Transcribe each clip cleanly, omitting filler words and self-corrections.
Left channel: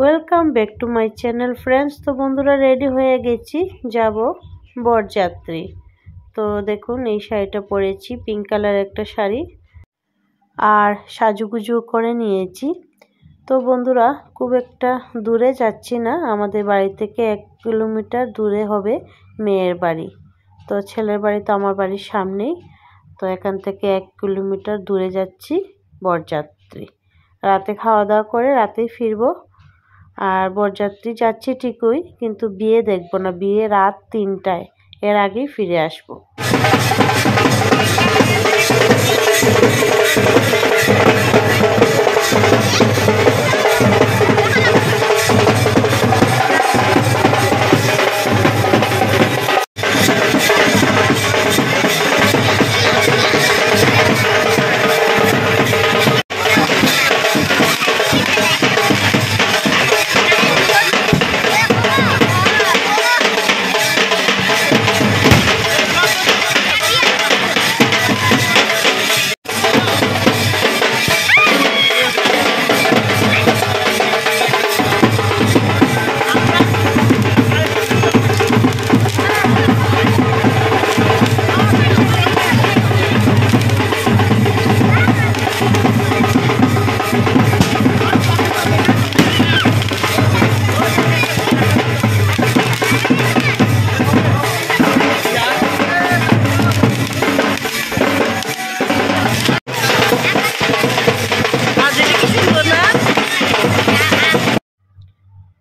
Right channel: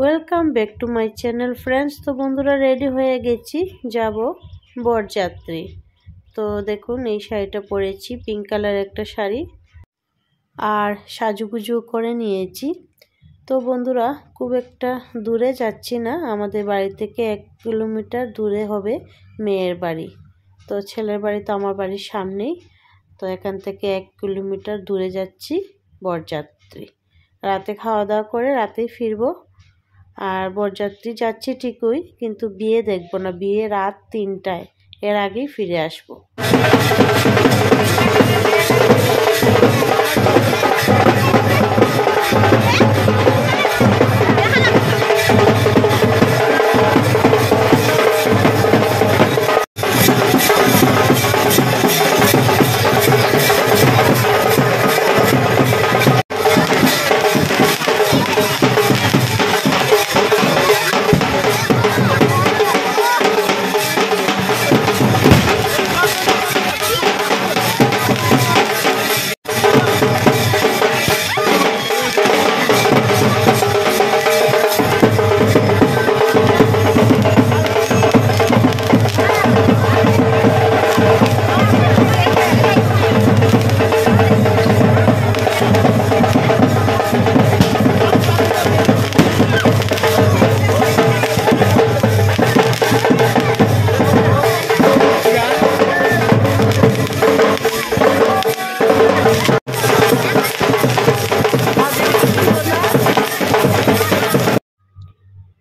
Welcome back to my channel friends. তো বন্ধুরা ready হয়ে গেছি, যাব বরযাত্রী। তো দেখুন এই শাড়িটা পরেছি, পিঙ্ক কালার একটা শাড়ি, আর সাজুগুজু করে নিয়েছি। তো বন্ধুরা খুব একটা দূরে যাচ্ছি না, আমাদের বাড়ি থেকে 1 কিলোমিটার দূরে হবে মেয়ের বাড়ি। তো ছেলের বাড়ি তো আমার বাড়ির সামনেই, তো এখান থেকে 1 কিলোমিটার দূরে যাচ্ছি বরযাত্রী। রাতে খাওয়া দাওয়া করে রাতেই ফিরবো। আর বরযাত্রী যাচ্ছি ঠিকই, কিন্তু বিয়ে দেখবো না, বিয়ে রাত 3টায়, এর আগেই ফিরে আসবো।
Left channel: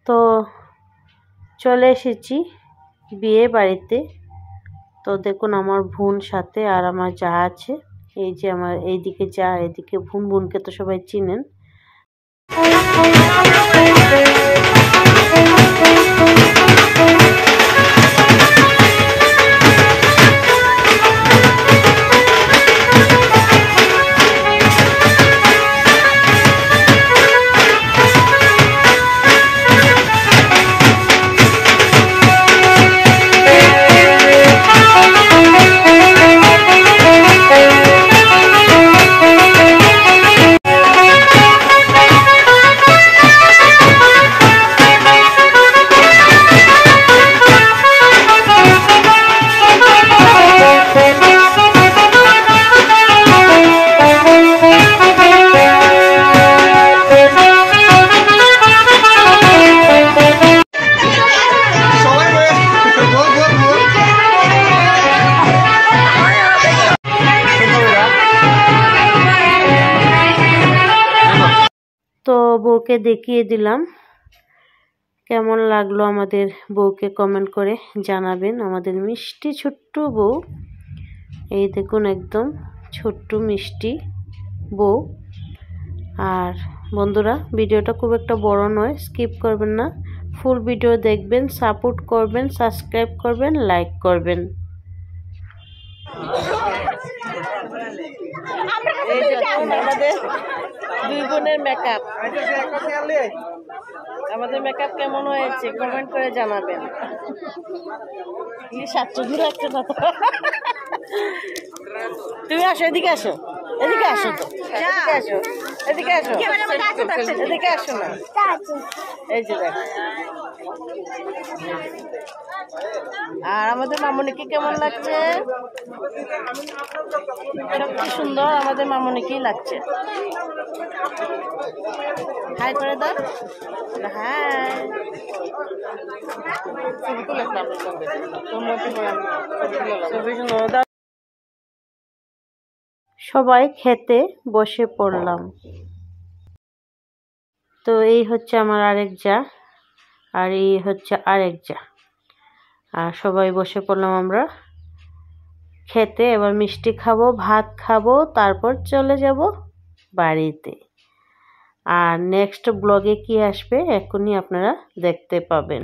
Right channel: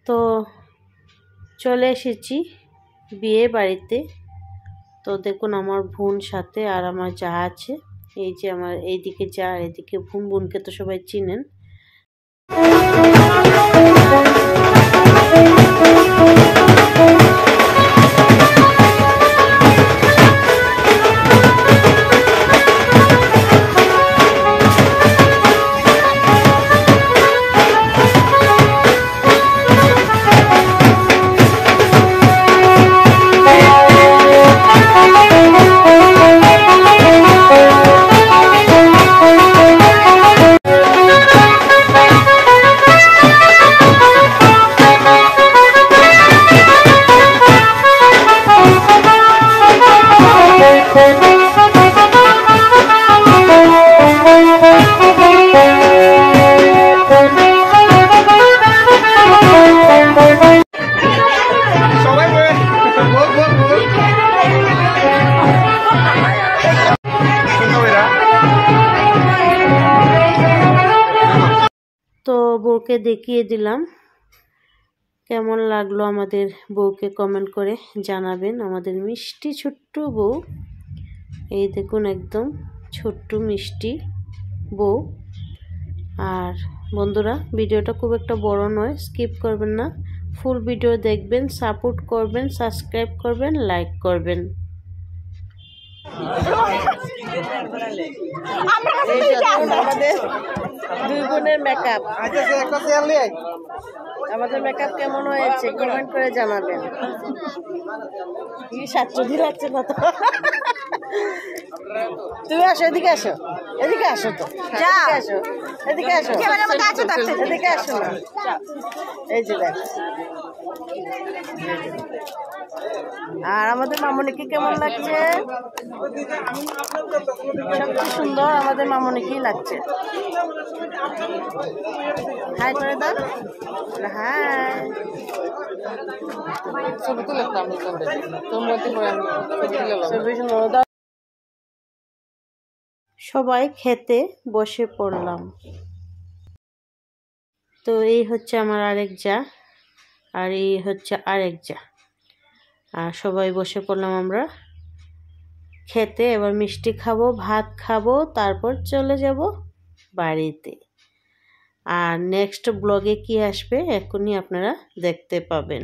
তো চলে এসেছি বিয়ে বাড়িতে। তো দেখুন আমার বোন সাথে আর আমার যা আছে, এই যে আমার এইদিকে যা, এদিকে বোন, বোনকে তো সবাই চিনেন। তো বউকে দেখিয়ে দিলাম, কেমন লাগলো আমাদের বউকে কমেন্ট করে জানাবেন। আমাদের মিষ্টি ছোট্ট বউ, এই দেখুন একদম ছোট্ট মিষ্টি বউ। আর বন্ধুরা ভিডিওটা খুব একটা বড় নয়, স্কিপ করবেন না, ফুল ভিডিও দেখবেন, সাপোর্ট করবেন, সাবস্ক্রাইব করবেন, লাইক করবেন। এই দেখুন আমাদের দুই বোনের মেকআপ, আমাদের মেকআপ কেমন হয়েছে কমেন্ট করে জানাবেন। কি সাচ্চুদি লাগছে না তো? তুমি আসো, এদিকে আসো, এদিকে আসো, তো এদিকে আসো, এদিকে আসো, এদিকে আসো না। এই যে দেখো, আর আমাদের মামনিকে কেমন লাগছে? সবচেয়ে সুন্দর আমাদের মামনিকেই লাগছে। হাই করে দাও, হাই। সবাই খেতে বসে পড়লাম। তো এই হচ্ছে আমার আরেক যা, আর এই হচ্ছে আরেক যা, আর সবাই বসে পড়লাম আমরা খেতে। এবার মিষ্টি খাবো, ভাত খাবো, তারপর চলে যাব বাড়িতে। আর নেক্সট ব্লগে কি আসবে এখনই আপনারা দেখতে পাবেন।